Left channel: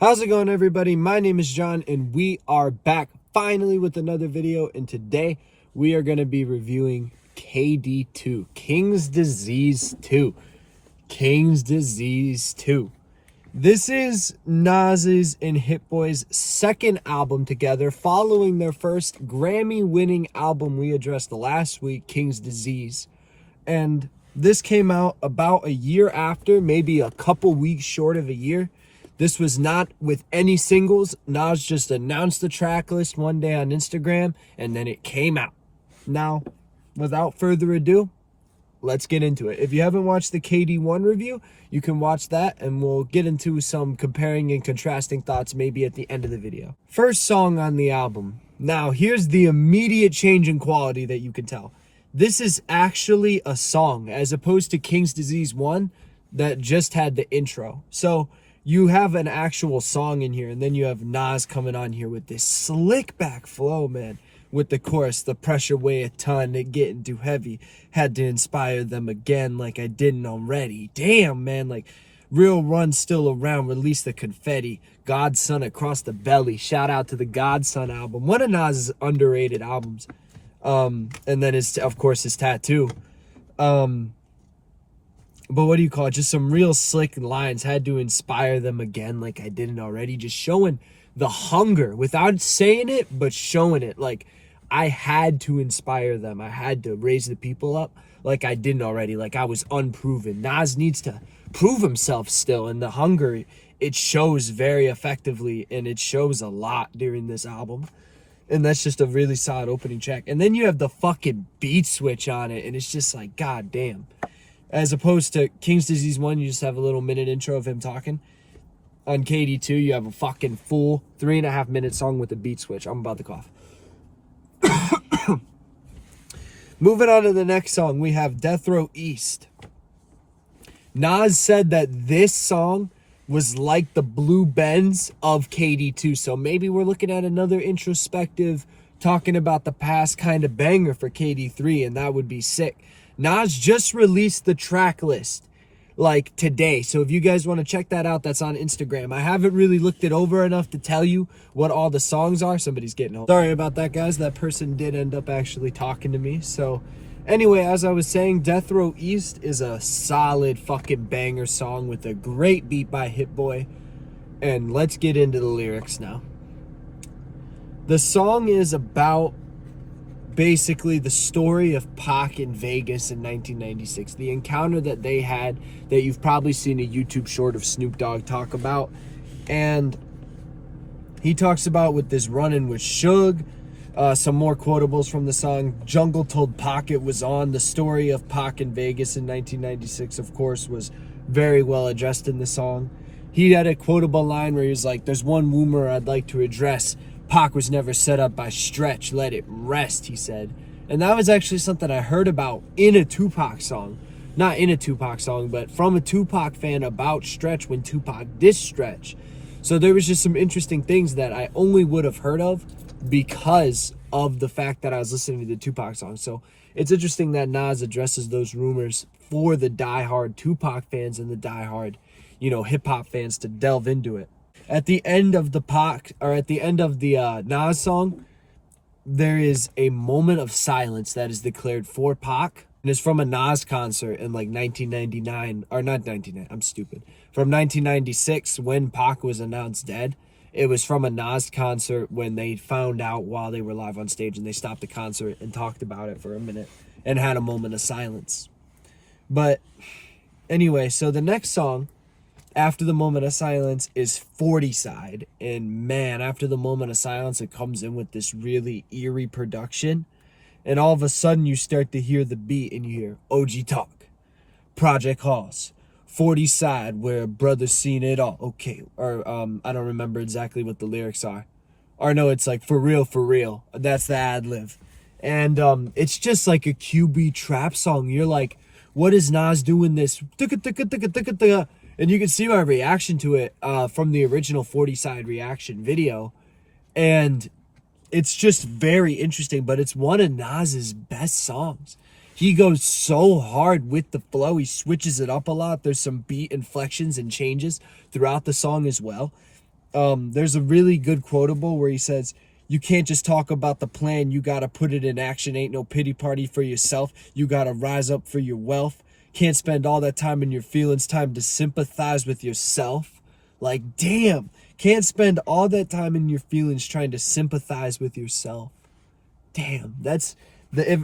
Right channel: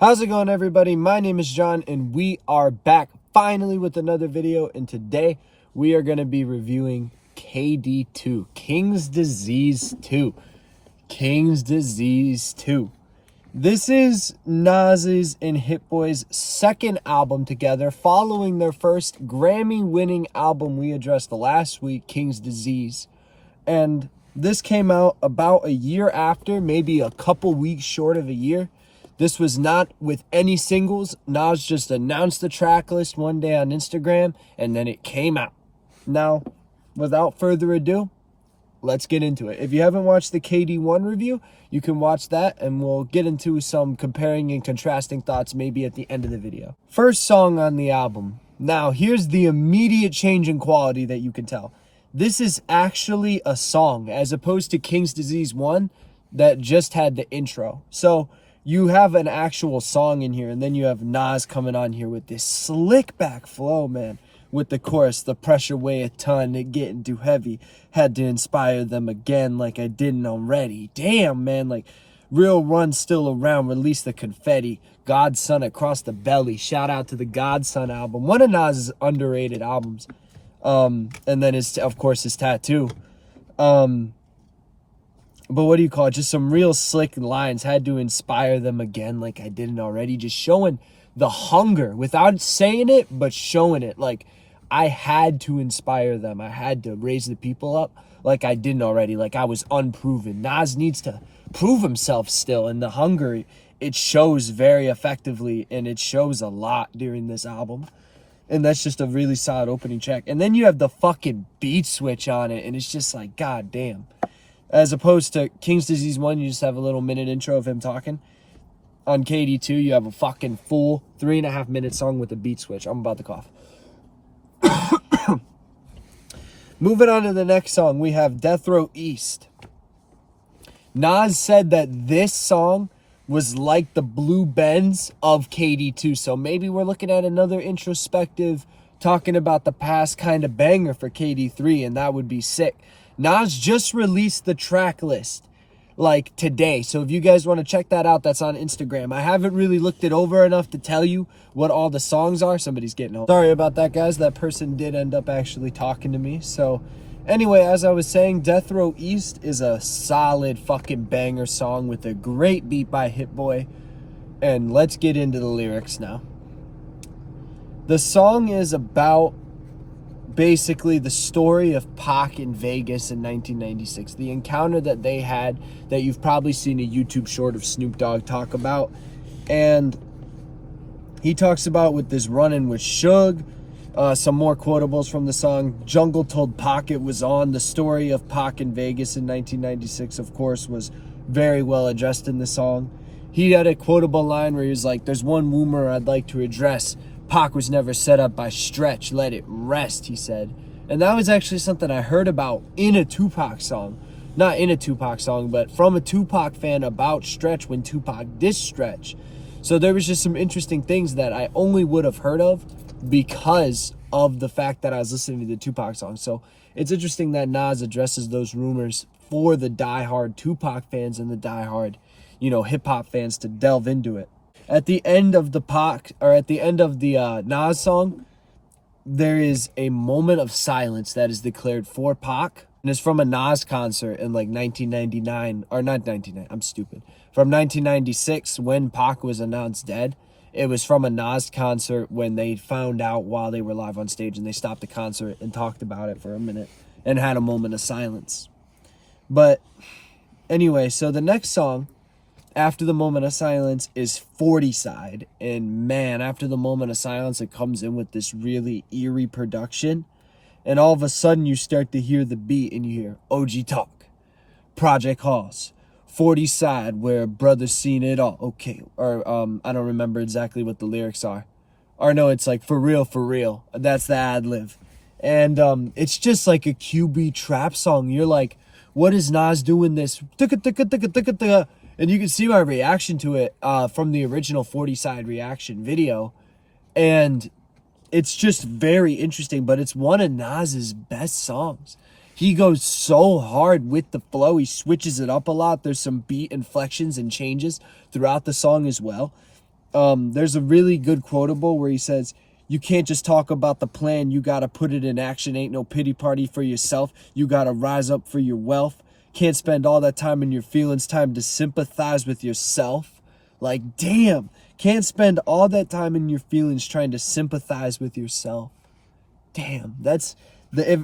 How's it going, everybody? My name is John, and we are back finally with another video. And today we are going to be reviewing KD2, King's Disease 2. King's Disease 2. This is Nas's and Hit Boy's second album together, following their first Grammy-winning album we addressed last week, King's Disease. And this came out about a year after, maybe a couple weeks short of a year. This was not with any singles. Nas just announced the track list one day on Instagram, and then it came out. Now, without further ado, let's get into it. If you haven't watched the KD1 review, you can watch that, and we'll get into some comparing and contrasting thoughts maybe at the end of the video. First song on the album. Now, here's the immediate change in quality that you can tell. This is actually a song, as opposed to King's Disease 1 that just had the intro. So you have an actual song in here, and then you have Nas coming on here with this slick back flow, man. With the chorus, the pressure weigh a ton, it getting too heavy. Had to inspire them again like I didn't already. Damn, man, like real run still around, release the confetti. Godson across the belly. Shout out to the Godson album. One of Nas's underrated albums. And then of course his tattoo. But what do you call it? Just some real slick lines. Had to inspire them again like I didn't already. Just showing the hunger without saying it, but showing it. Like, I had to inspire them. I had to raise the people up like I didn't already. Like I was unproven. Nas needs to prove himself still. And the hunger, it shows very effectively. And it shows a lot during this album. And that's just a really solid opening track. And then you have the fucking beat switch on it. And it's just like, god damn. As opposed to King's Disease 1, you just have a little minute intro of him talking. On KD2, you have a fucking full 3.5 minute song with a beat switch. I'm about to cough. Moving on to the next song, we have Death Row East. Nas said that this song was like the Blue Benz of KD2. So maybe we're looking at another introspective, talking about the past kind of banger for KD3, and that would be sick. Nas just released the track list like today. So if you guys want to check that out, that's on Instagram. I haven't really looked it over enough to tell you what all the songs are. Somebody's getting home. Sorry about that, guys. That person did end up actually talking to me. So anyway, as I was saying, Death Row East is a solid fucking banger song with a great beat by Hit Boy. And let's get into the lyrics now. The song is about basically the story of Pac in Vegas in 1996. The encounter that they had that you've probably seen a YouTube short of Snoop Dogg talk about. And he talks about with this run-in with Suge. Some more quotables from the song. Jungle told Pac it was on. The story of Pac in Vegas in 1996, of course, was very well addressed in the song. He had a quotable line where he was like, "There's one rumor I'd like to address. Pac was never set up by Stretch. Let it rest," he said. And that was actually something I heard about in a Tupac song. Not in a Tupac song, but from a Tupac fan about Stretch when Tupac dissed Stretch. So there was just some interesting things that I only would have heard of because of the fact that I was listening to the Tupac song. So it's interesting that Nas addresses those rumors for the diehard Tupac fans and the diehard, hip-hop fans to delve into it. At the end of the Nas song, there is a moment of silence that is declared for Pac. And it's from a Nas concert in like 1999, or not 1999, I'm stupid. From 1996 when Pac was announced dead. It was from a Nas concert when they found out while they were live on stage, and they stopped the concert and talked about it for a minute and had a moment of silence. But anyway, so the next song after the moment of silence is 40 Side. And man, after the moment of silence, it comes in with this really eerie production. And all of a sudden you start to hear the beat and you hear OG Talk, Project Hoss, 40 Side, where brothers seen it all. Okay. Or I don't remember exactly what the lyrics are. Or no, it's like for real. That's the ad lib. And it's just like a QB trap song. You're like, what is Nas doing this? And you can see my reaction to it from the original 40 Side reaction video. And it's just very interesting, but it's one of Nas's best songs. He goes so hard with the flow. He switches it up a lot. There's some beat inflections and changes throughout the song as well. There's a really good quotable where he says, you can't just talk about the plan, you gotta put it in action. Ain't no pity party for yourself, you gotta rise up for your wealth. Can't spend all that time in your feelings, time to sympathize with yourself. Like, damn, can't spend all that time in your feelings trying to sympathize with yourself. Damn, that's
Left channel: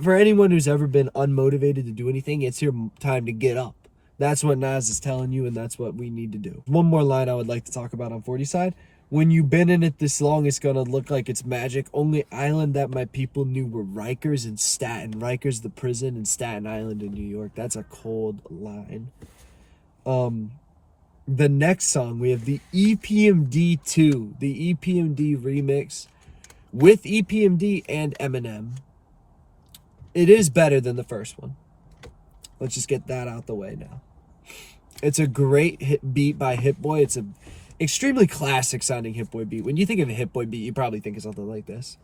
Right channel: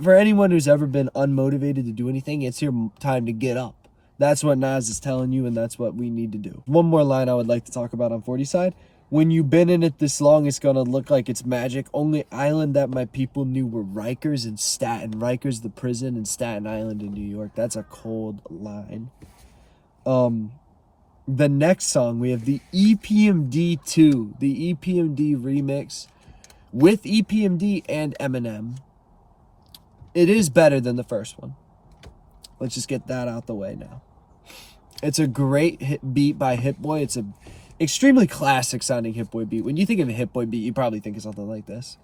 for anyone who's ever been unmotivated to do anything, it's your time to get up. That's what Nas is telling you, and that's what we need to do. One more line I would like to talk about on 40 side. When you've been in it this long, it's going to look like it's magic. Only island that my people knew were Rikers and Staten. Rikers, the prison, and Staten Island in New York. That's a cold line. The next song, we have the EPMD 2. The EPMD remix with EPMD and Eminem. It is better than the first one. Let's just get that out the way now. It's a great beat by Hit Boy. It's a extremely classic sounding Hit Boy beat. When you think of a Hit Boy beat, you probably think of something like this.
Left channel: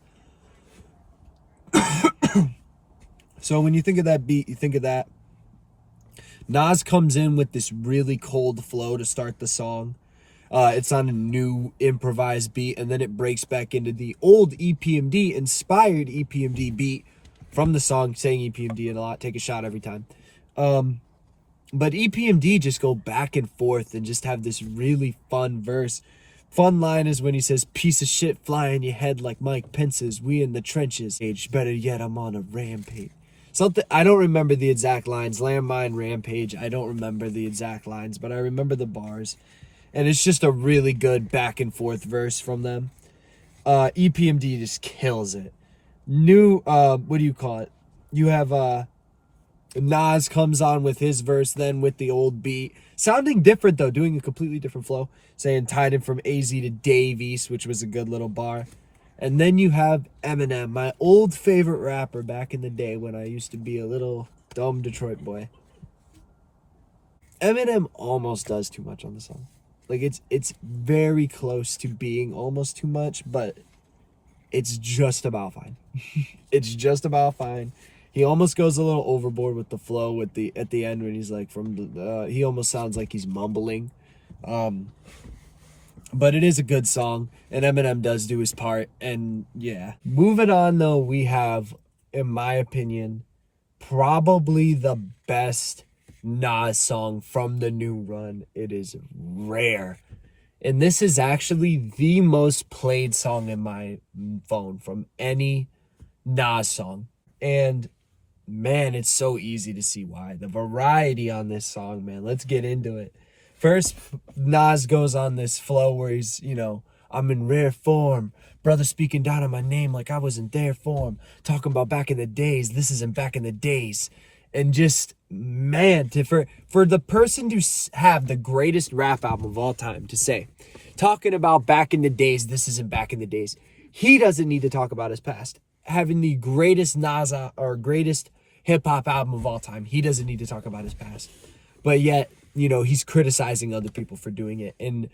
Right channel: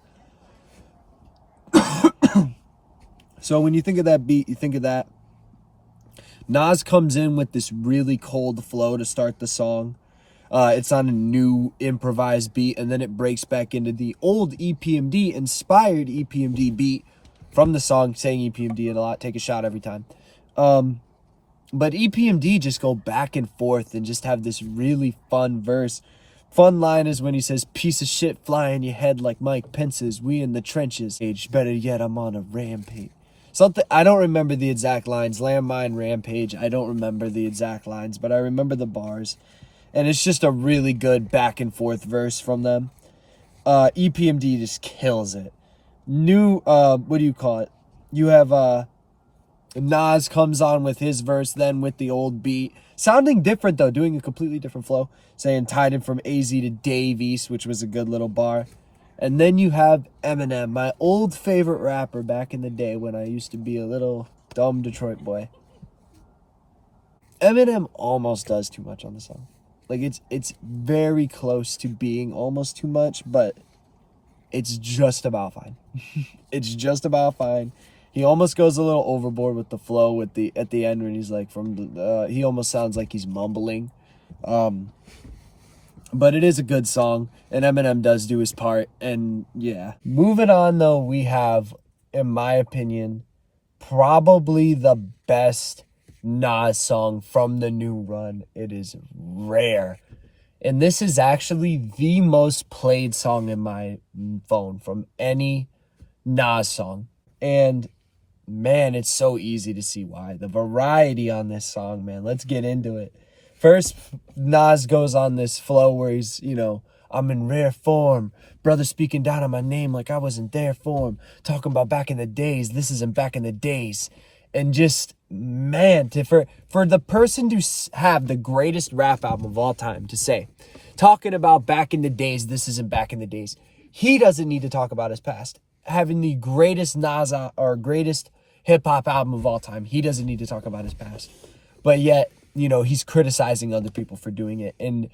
So when you think of that beat, you think of that. Nas comes in with this really cold flow to start the song. It's on a new improvised beat, and then it breaks back into the old EPMD inspired EPMD beat from the song, saying EPMD a lot, take a shot every time. But EPMD just go back and forth and just have this really fun verse. Fun line is when he says, piece of shit fly in your head like Mike Pence's, we in the trenches. Better yet, I'm on a rampage. Something, I don't remember the exact lines. Landmine, rampage, I don't remember the exact lines, but I remember the bars. And it's just a really good back and forth verse from them. EPMD just kills it. New, what do you call it? You have, Nas comes on with his verse, then with the old beat. Sounding different, though, doing a completely different flow. Saying tied him from AZ to Dave East, which was a good little bar. And then you have Eminem, my old favorite rapper back in the day when I used to be a little dumb Detroit boy. Eminem almost does too much on the song. Like, it's very close to being almost too much, but it's just about fine. It's just about fine. He almost goes a little overboard with the flow at the end when he's like he almost sounds like he's mumbling. But it is a good song, and Eminem does do his part, and yeah. Moving on, though, we have, in my opinion, probably the best Nas song from the new run. It is Rare. And this is actually the most played song in my phone from any Nas song. And man, it's so easy to see why. The variety on this song, man. Let's get into it. First, Nas goes on this flow where he's, I'm in rare form. Brother speaking down on my name like I wasn't there for him. Talking about back in the days. This isn't back in the days. And just, man, for the person to have the greatest rap album of all time to say, talking about back in the days, this isn't back in the days. He doesn't need to talk about his past. Having the greatest Nas or greatest hip-hop album of all time, he doesn't need to talk about his past. But yet, he's criticizing other people for doing it. And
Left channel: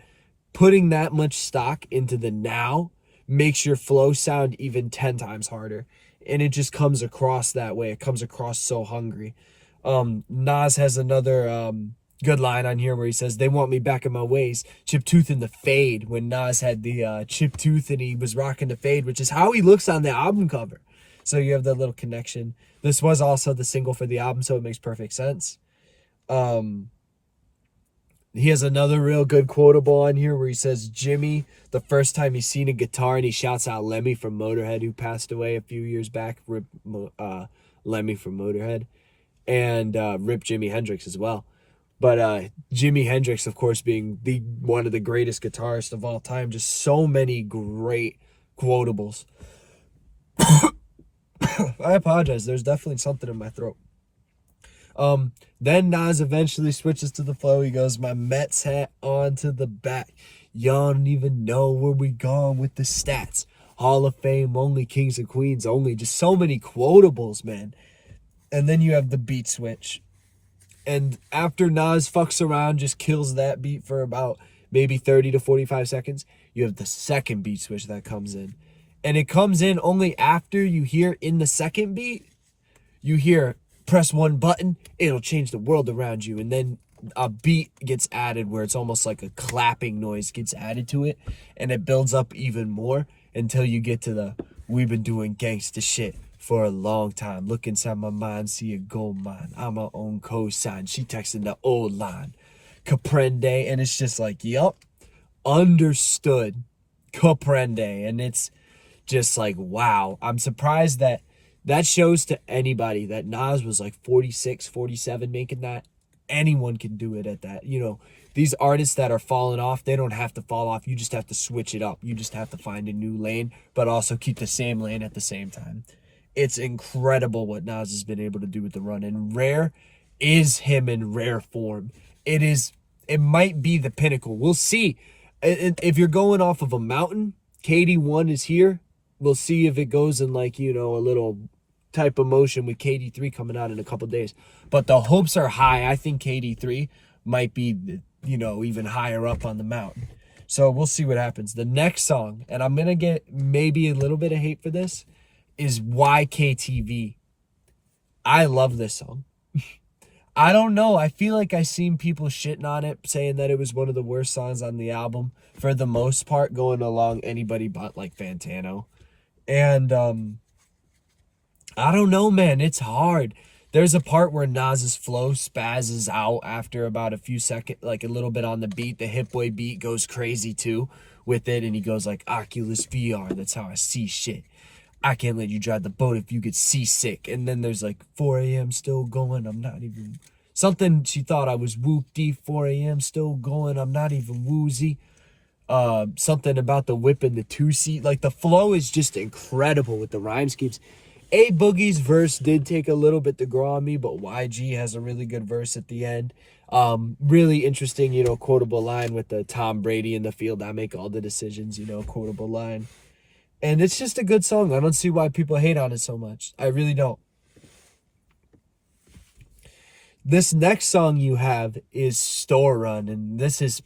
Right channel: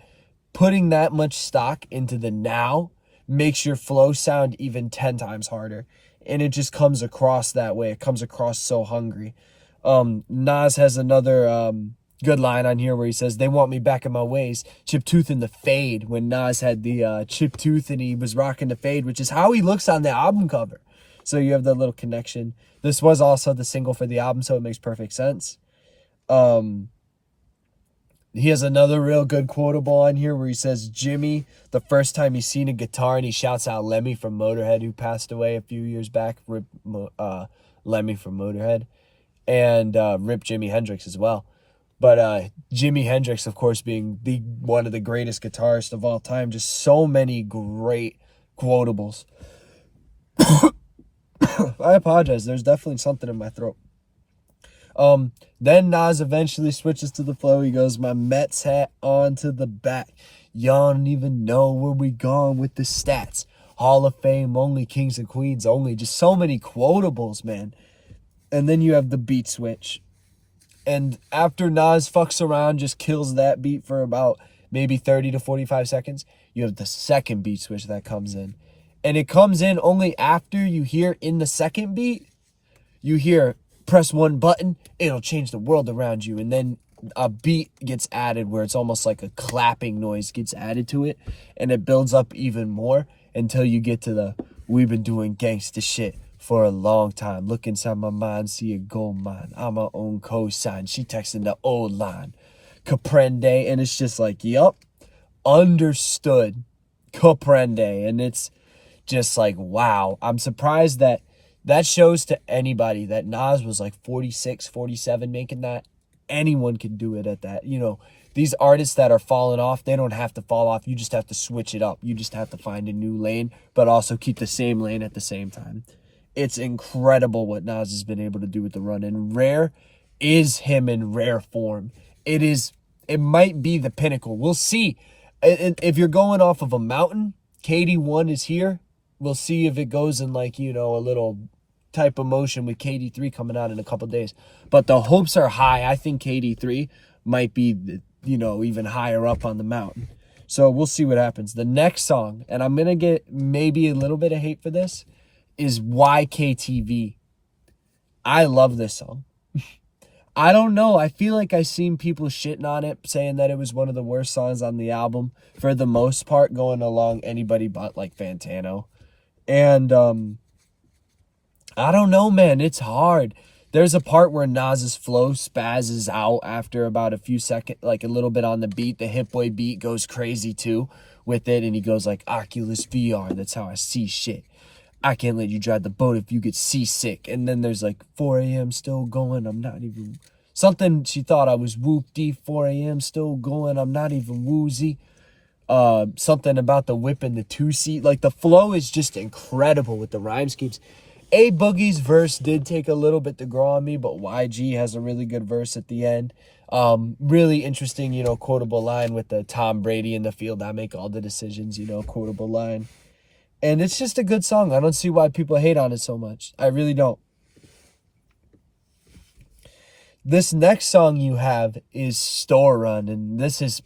putting that much stock into the now makes your flow sound even 10 times harder. And it just comes across that way. It comes across so hungry. Nas has another good line on here where he says, they want me back in my ways. Chip tooth in the fade. When Nas had the chip tooth and he was rocking the fade, which is how he looks on the album cover. So you have that little connection. This was also the single for the album, so it makes perfect sense. He has another real good quotable on here where he says, Jimmy, the first time he's seen a guitar, and he shouts out Lemmy from Motorhead, who passed away a few years back. Rip Lemmy from Motorhead. And rip Jimi Hendrix as well. But Jimi Hendrix, of course, being one of the greatest guitarists of all time. Just so many great quotables. I apologize. There's definitely something in my throat. Then Nas eventually switches to the flow. He goes, my Mets hat onto the back. Y'all don't even know where we gone with the stats. Hall of Fame only, kings and queens only. Just so many quotables, man. And then you have the beat switch. And after Nas fucks around, just kills that beat for about maybe 30 to 45 seconds, you have the second beat switch that comes in. And it comes in only after you hear in the second beat, you hear press one button, it'll change the world around you. And then a beat gets added where it's almost like a clapping noise gets added to it, and it builds up even more until you get to the "we've been doing gangsta shit for a long time. Look inside my mind, see a gold mine. I'm my own cosign." She texting the old line, "Comprende," and it's just like, yup, understood, comprende, and it's just like, wow. I'm surprised that shows to anybody that Nas was like 46, 47 making that. Anyone can do it at that. You know, these artists that are falling off, they don't have to fall off. You just have to switch it up. You just have to find a new lane, but also keep the same lane at the same time. It's incredible what Nas has been able to do with the run. And Rare is him in rare form. It might be the pinnacle. We'll see. If you're going off of a mountain, KD1 is here. We'll see if it goes in like, you know, a little type of motion with KD3 coming out in a couple days. But the hopes are high. I think KD3 might be, you know, even higher up on the mountain. So we'll see what happens. The next song, and I'm going to get maybe a little bit of hate for this, is YKTV. I love this song. I don't know. I feel like I seen people shitting on it, saying that it was one of the worst songs on the album for the most part, going along anybody but like Fantano. And I don't know, man. It's hard. There's a part where Nas's flow spazzes out after about a few seconds, like a little bit on the beat. The Hit Boy beat goes crazy too with it, and he goes like, "Oculus VR, that's how I see shit. I can't let you drive the boat if you get seasick." And then there's like 4 a.m. still going. I'm not even something. She thought I was whoopty. 4 a.m. still going. I'm not even woozy. Something about the whip and the 2-seat. Like the flow is just incredible with the rhyme schemes. A Boogie's verse did take a little bit to grow on me, but YG has a really good verse at the end. Really interesting, you know, quotable line with the Tom Brady in the field. I make all the decisions, you know, quotable line. And it's just a good song. I don't see why people hate on it so much. I really don't. This next song you have is Store Run, and this is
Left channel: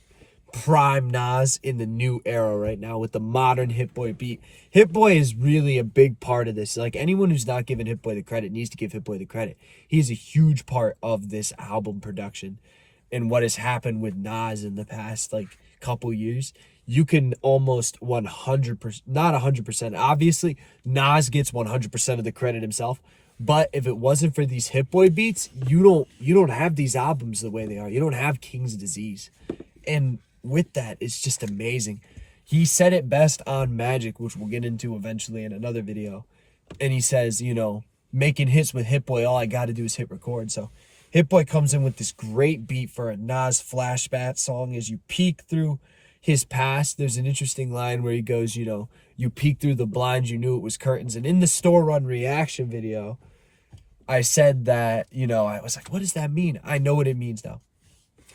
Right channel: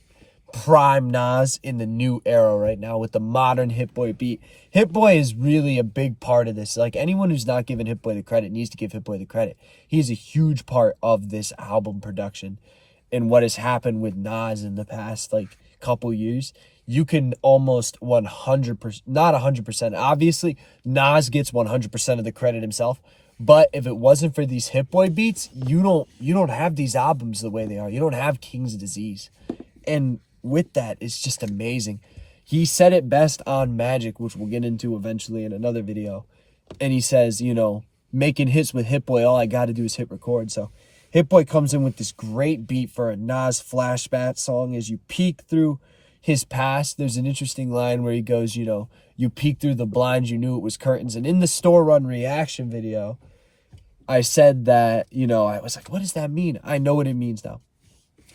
prime Nas in the new era right now with the modern Hit Boy beat. Hit Boy is really a big part of this. Like anyone who's not giving Hit Boy the credit needs to give Hit Boy the credit. He's a huge part of this album production and what has happened with Nas in the past like couple years. You can almost 100%, not 100%. Obviously, Nas gets 100% of the credit himself. But if it wasn't for these Hit Boy beats, you don't have these albums the way they are. You don't have King's Disease. And with that, it's just amazing. He said it best on Magic, which we'll get into eventually in another video. And he says, you know, making hits with Hit Boy, all I got to do is hit record. So Hit Boy comes in with this great beat for a Nas flashback song. As you peek through his past, there's an interesting line where he goes, you know, you peek through the blinds, you knew it was curtains. And in the Store Run reaction video, I said that, you know, I was like, what does that mean? I know what it means now.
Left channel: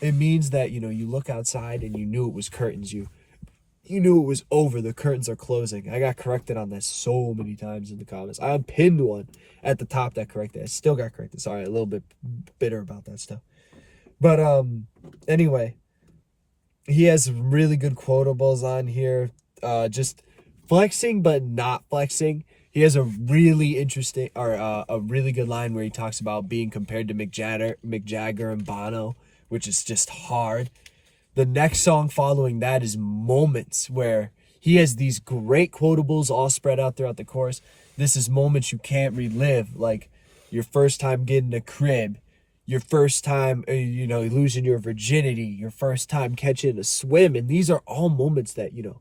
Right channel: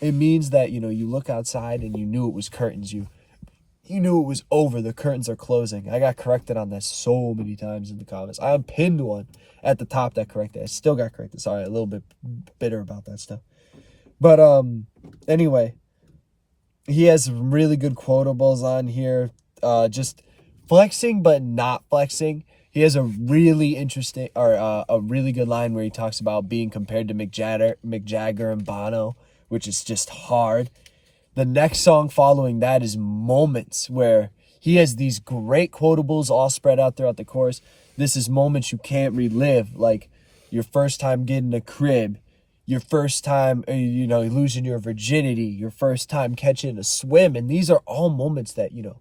It means that, you know, you look outside and you knew it was curtains. You knew it was over. The curtains are closing. I got corrected on this so many times in the comments. I pinned one at the top that corrected. I still got corrected. Sorry, a little bit bitter about that stuff. But anyway, he has some really good quotables on here. Just flexing but not flexing. He has a really interesting or a really good line where he talks about being compared to Mick Jagger and Bono, which is just hard. The next song following that is Moments, where he has these great quotables all spread out throughout the chorus. This is moments you can't relive, like your first time getting a crib, your first time, you know, losing your virginity, your first time catching a swim. And these are all moments that, you know,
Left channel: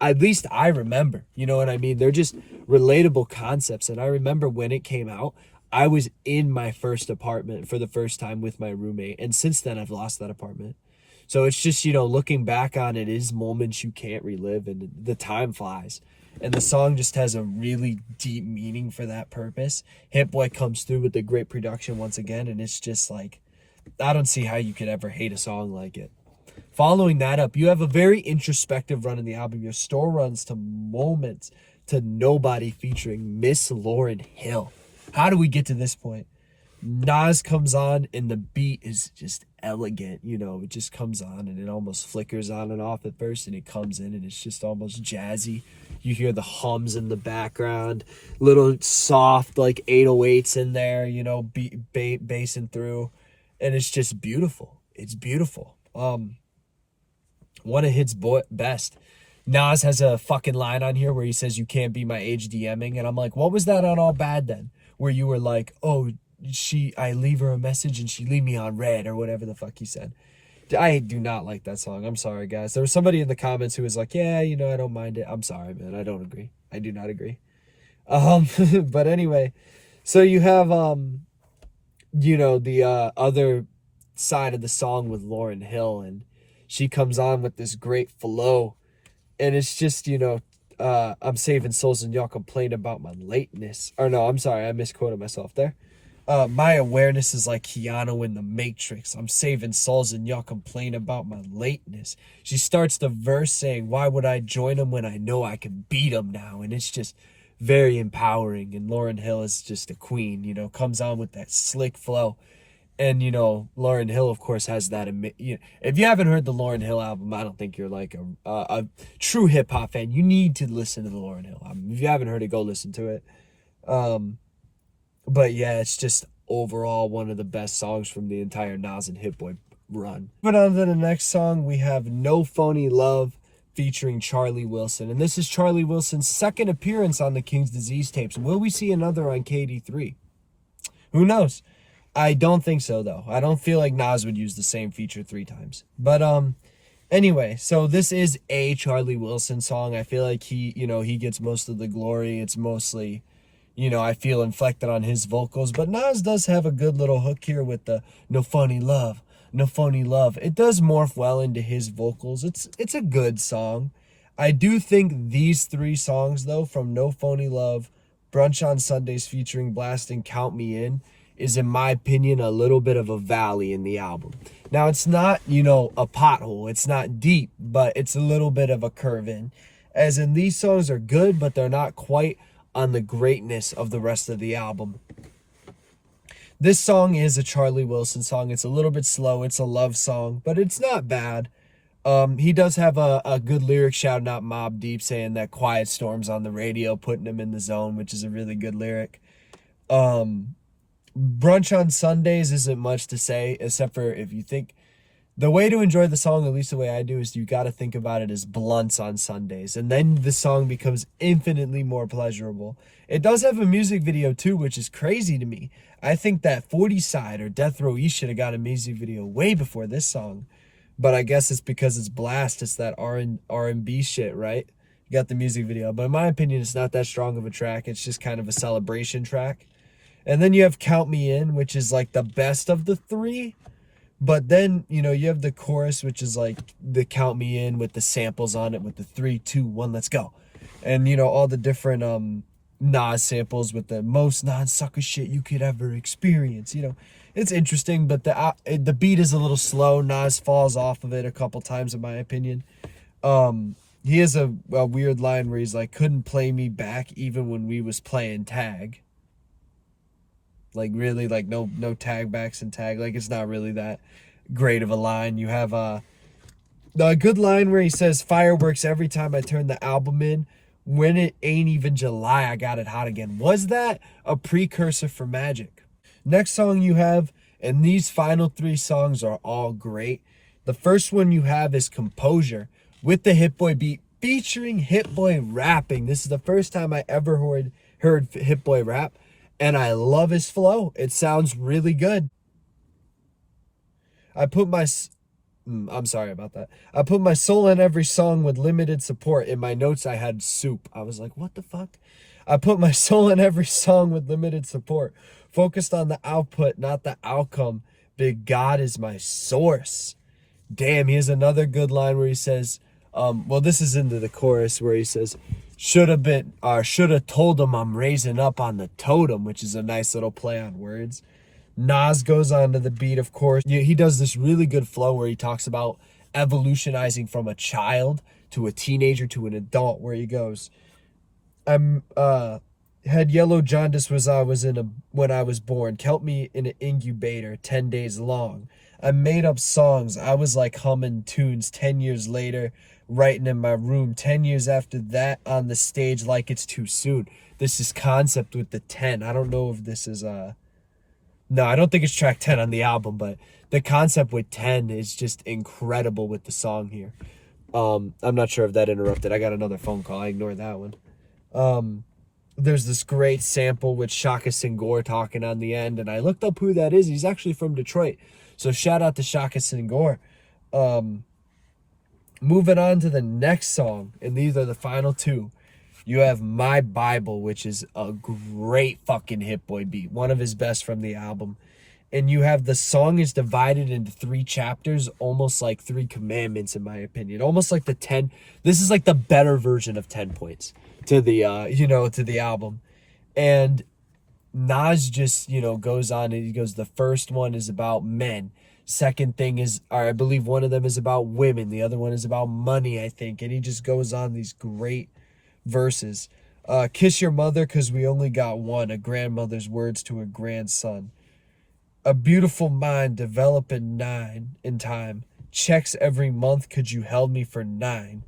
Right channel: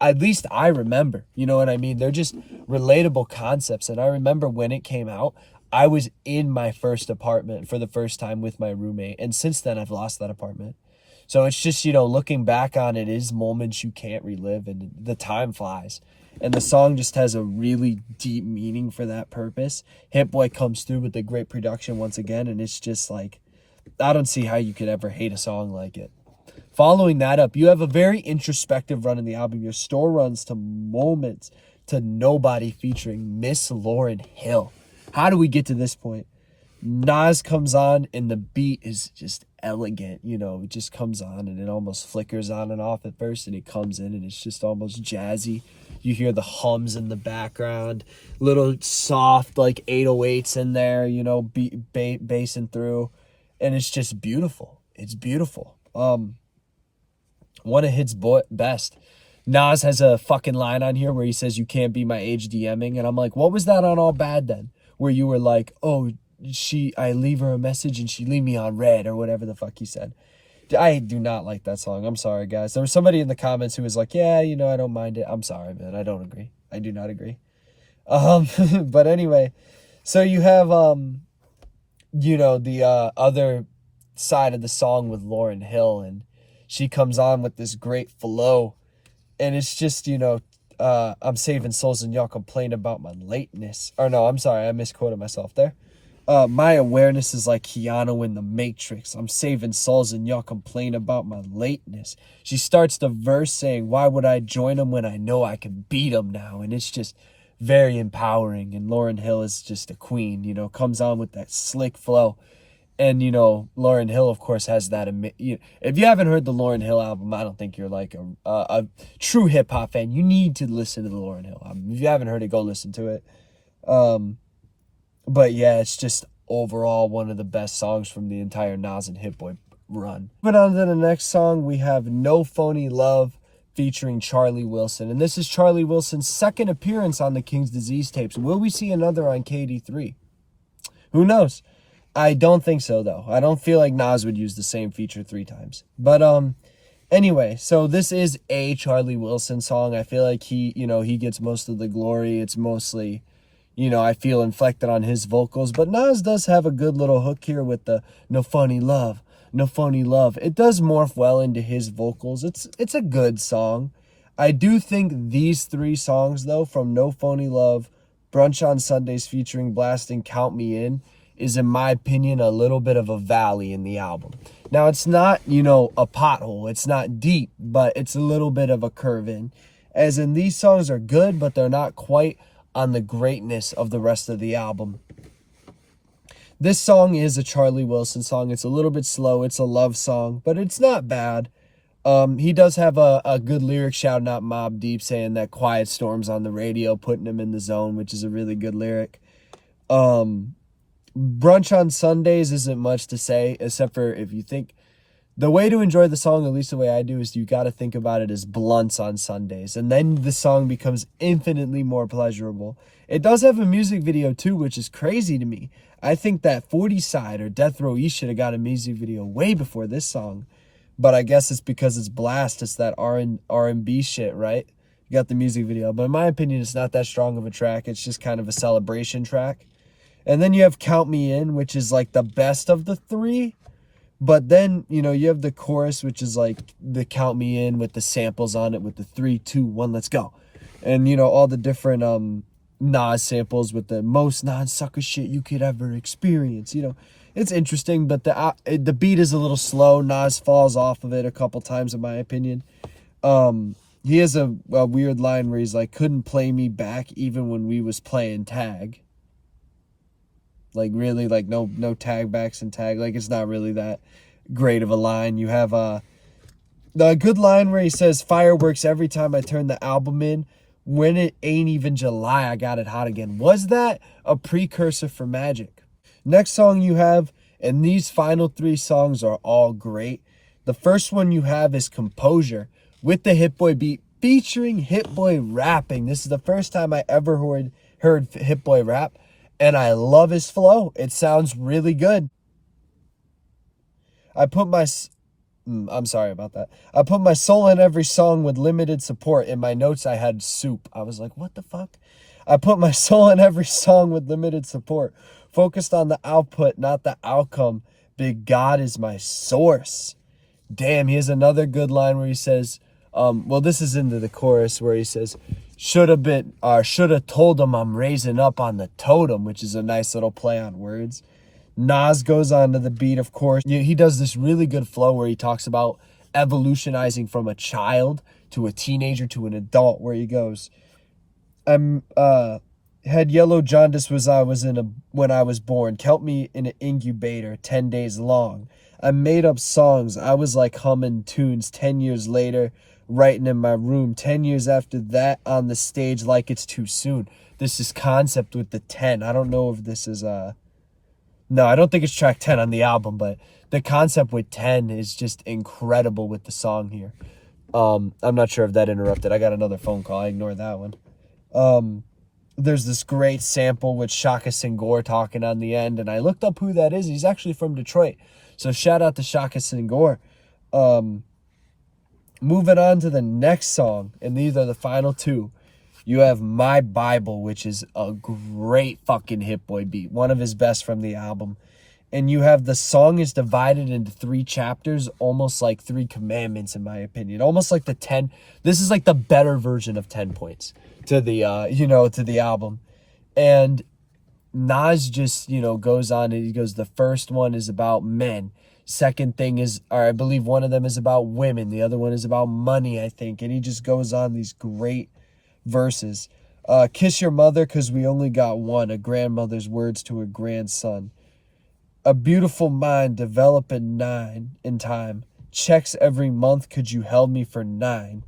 at least I remember, you know what I mean? They're just relatable concepts. And I remember when it came out, I was in my first apartment for the first time with my roommate. And since then, I've lost that apartment. So it's just, you know, looking back on it is moments you can't relive, and the time flies. And the song just has a really deep meaning for that purpose. Hit Boy comes through with the great production once again, and it's just like, I don't see how you could ever hate a song like it. Following that up, you have a very introspective run in the album. Your Store Runs to Moments to Nobody featuring Miss Lauryn Hill. How do we get to this point? Nas comes on and the beat is just elegant, you know, it just comes on and it almost flickers on and off at first, and it comes in and it's just almost jazzy. You hear the hums in the background, little soft like 808s in there, you know, bassing through, and it's just beautiful. it's beautiful. One of his best. Nas has a fucking line on here where he says, "You can't be my age DMing," and I'm like, what was that on All Bad then? Where you were like, "Oh, I leave her a message and she leave me on red," or whatever the fuck he said. I do not like that song. I'm sorry, guys. There was somebody in the comments who was like, "Yeah, you know, I don't mind it." I'm sorry, man. I don't agree. I do not agree. But anyway, so you have you know, the other side of the song with Lauryn Hill, and she comes on with this great flow, and it's just, you know, I'm saving souls and y'all complain about my lateness. Or no, I'm sorry, I misquoted myself there. My awareness is like Keanu in The Matrix. I'm saving souls and y'all complain about my lateness. She starts the verse saying, "Why would I join them when I know I can beat them now?" And it's just very empowering. And Lauryn Hill is just a queen, you know, comes on with that slick flow. And, you know, Lauryn Hill, of course, has that. You know, if you haven't heard the Lauryn Hill album, I don't think you're like a true hip hop fan. You need to listen to the Lauryn Hill album. If you haven't heard it, go listen to it. But yeah, it's just overall one of the best songs from the entire Nas and Hit Boy run. Moving on to the next song, we have No Phony Love featuring Charlie Wilson. And this is Charlie Wilson's second appearance on the King's Disease tapes. Will we see another on KD3? Who knows? I don't think so, though. I don't feel like Nas would use the same feature 3 times. But anyway, so this is a Charlie Wilson song. I feel like he gets most of the glory. It's mostly, you know, I feel inflected on his vocals. But Nas does have a good little hook here with the "No Phony Love, No Phony Love." It does morph well into his vocals. It's a good song. I do think these 3 songs, though, from No Phony Love, Brunch on Sundays featuring Blasting, Count Me In, is, in my opinion, a little bit of a valley in the album. Now, it's not, you know, a pothole. It's not deep, but it's a little bit of a curve in. As in, these songs are good, but they're not quite on the greatness of the rest of the album. This song is a Charlie Wilson song. It's a little bit slow. It's a love song, but it's not bad. He does have a good lyric shouting out Mobb Deep, saying that Quiet Storm's on the radio, putting him in the zone, which is a really good lyric. Brunch on Sundays isn't much to say, except for if you think the way to enjoy the song, at least the way I do, is you got to think about it as blunts on Sundays, and then the song becomes infinitely more pleasurable. It does have a music video too, which is crazy to me. I think that 40 Side or Death Row East should have got a music video way before this song, but I guess it's because it's Blast. It's that R&B shit, right? You got the music video, but in my opinion, it's not that strong of a track. It's just kind of a celebration track. And then you have Count Me In, which is like the best of the 3. But then, you know, you have the chorus, which is like the Count Me In with the samples on it with the 3, 2, 1, let's go. And, you know, all the different Nas samples with the most non-sucker shit you could ever experience. You know, it's interesting, but the beat is a little slow. Nas falls off of it a couple times, in my opinion. He has a weird line where he's like, "Couldn't play me back even when we was playing tag." Like, really, like, no tag backs and tag. Like, it's not really that great of a line. You have the good line where he says, "Fireworks every time I turn the album in. When it ain't even July, I got it hot again." Was that a precursor for Magic? Next song you have, and these final 3 songs are all great. The first one you have is Composure with the Hit Boy beat featuring Hit Boy rapping. This is the first time I ever heard Hit Boy rap. And I love his flow. It sounds really good. I'm sorry about that. I put my soul in every song with limited support. In my notes, I had soup. I was like, what the fuck? I put my soul in every song with limited support. Focused on the output, not the outcome. Big God is my source. Damn, he has another good line where he says, well, this is into the chorus where he says, shoulda told him I'm raising up on the totem, which is a nice little play on words. Nas goes on to the beat, of course. He does this really good flow where he talks about evolutionizing from a child to a teenager to an adult, where he goes, had yellow jaundice when I was born. Kept me in an incubator 10 days long. I made up songs. I was like humming tunes 10 years later, writing in my room. 10 years after that, on the stage like it's too soon. This is Concept with the 10. I don't know if this is No, I don't think it's track 10 on the album, but the concept with 10 is just incredible with the song here. I'm not sure if that interrupted. I got another phone call. I ignored that one. There's this great sample with Shaka Senghor talking on the end, and I looked up who that is. He's actually from Detroit. So shout out to Shaka Senghor. Moving on to the next song, and these are the final two. You have My Bible, which is a great fucking Hit Boy beat. One of his best from the album. And you have the song is divided into 3 chapters, almost like 3 commandments, in my opinion. Almost like the 10. This is like the better version of 10 points to the, to the album. And Nas just, goes on and he goes, the first one is about men. Second thing is, or I believe one of them is about women. The other one is about money, I think. And he just goes on these great verses. Kiss your mother, 'cause we only got one. A grandmother's words to a grandson. A beautiful mind developing 9 in time. Checks every month, could you held me for 9.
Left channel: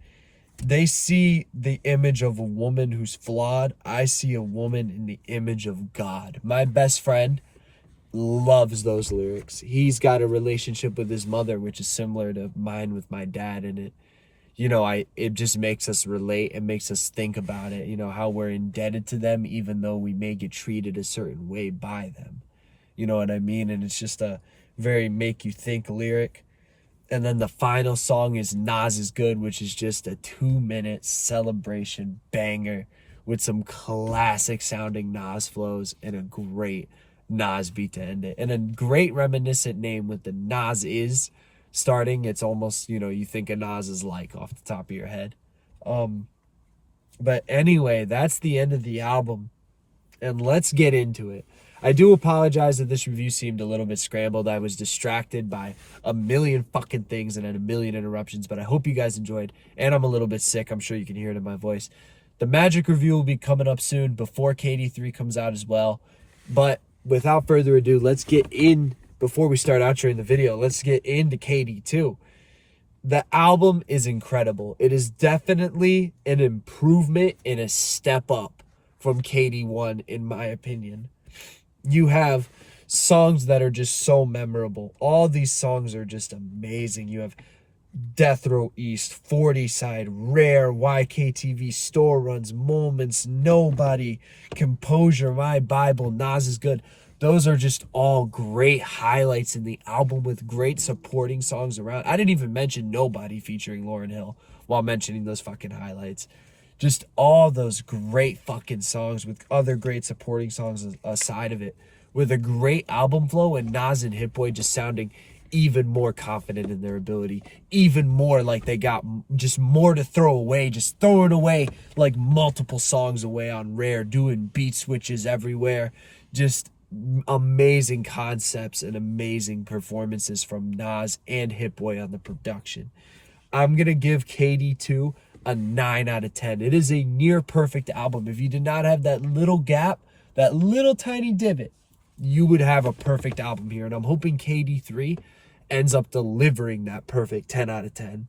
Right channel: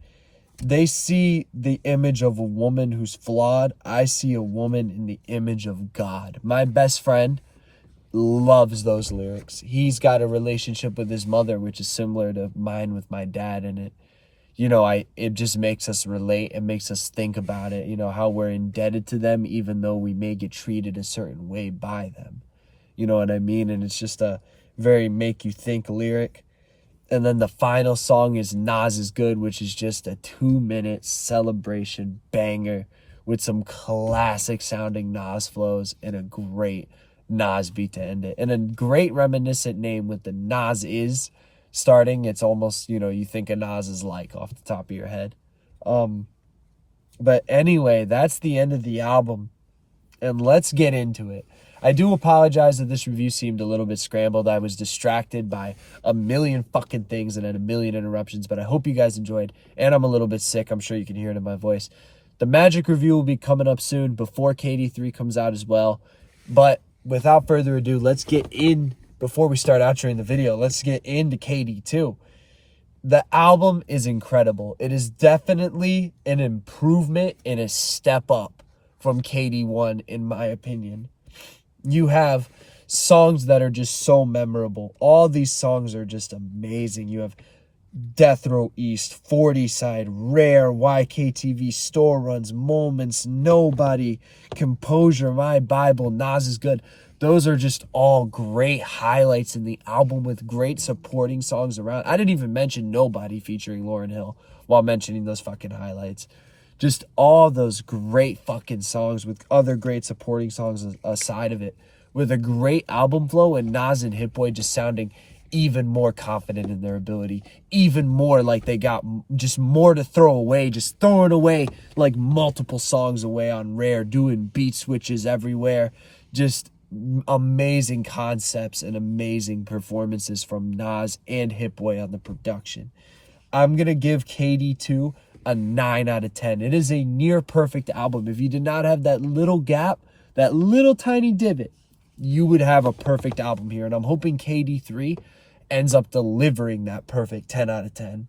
They see the image of a woman who's flawed. I see a woman in the image of God. My best friend loves those lyrics. He's got a relationship with his mother, which is similar to mine with my dad, and it just makes us relate and makes us think about it, how we're indebted to them, even though we may get treated a certain way by them. You know what I mean? And it's just a very make you think lyric. And then the final song is Nas Is Good, which is just a 2-minute celebration banger with some classic sounding Nas flows and a great Nas beat to end it. And a great reminiscent name with the Nas Is starting. It's almost, you think of Nas is like off the top of your head. But anyway, that's the end of the album. And let's get into it. I do apologize that this review seemed a little bit scrambled. I was distracted by a million fucking things and then a million interruptions, but I hope you guys enjoyed. And I'm a little bit sick. I'm sure you can hear it in my voice. The Magic review will be coming up soon before KD3 comes out as well. But without further ado, let's get in, before we start outroing the video, let's get into KD2. The album is incredible. It is definitely an improvement and a step up from KD1, in my opinion. You have songs that are just so memorable. All these songs are just amazing. You have Death Row East, 40 Side, Rare, YKTV, Store Runs, Moments, Nobody, Composure, My Bible, Nas Is Good. Those are just all great highlights in the album with great supporting songs around. I didn't even mention Nobody featuring Lauryn Hill while mentioning those fucking highlights. Just all those great fucking songs with other great supporting songs aside of it, with a great album flow, and Nas and Hit Boy just sounding even more confident in their ability, even more like they got just more to throw away, just throwing away like multiple songs away on Rare, doing beat switches everywhere. Just amazing concepts and amazing performances from Nas and Hit Boy on the production. I'm going to give KD2 a 9 out of 10. It is a near perfect album. If you did not have that little gap, that little tiny divot, you would have a perfect album here. And I'm hoping KD3 ends up delivering that perfect 10 out of 10.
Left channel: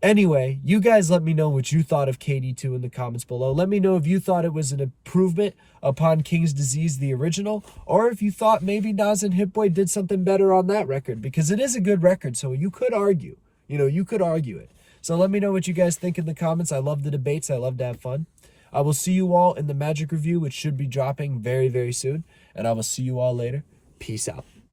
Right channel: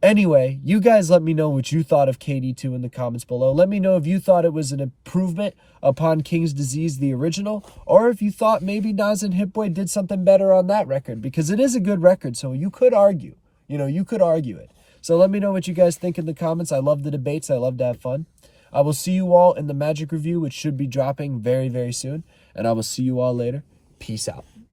Anyway, you guys let me know what you thought of KD2 in the comments below. Let me know if you thought it was an improvement upon King's Disease, the original, or if you thought maybe Nas and Hit Boy did something better on that record, because it is a good record, so you could argue. You could argue it. So let me know what you guys think in the comments. I love the debates. I love to have fun. I will see you all in the Magic review, which should be dropping very, very soon. And I will see you all later. Peace out.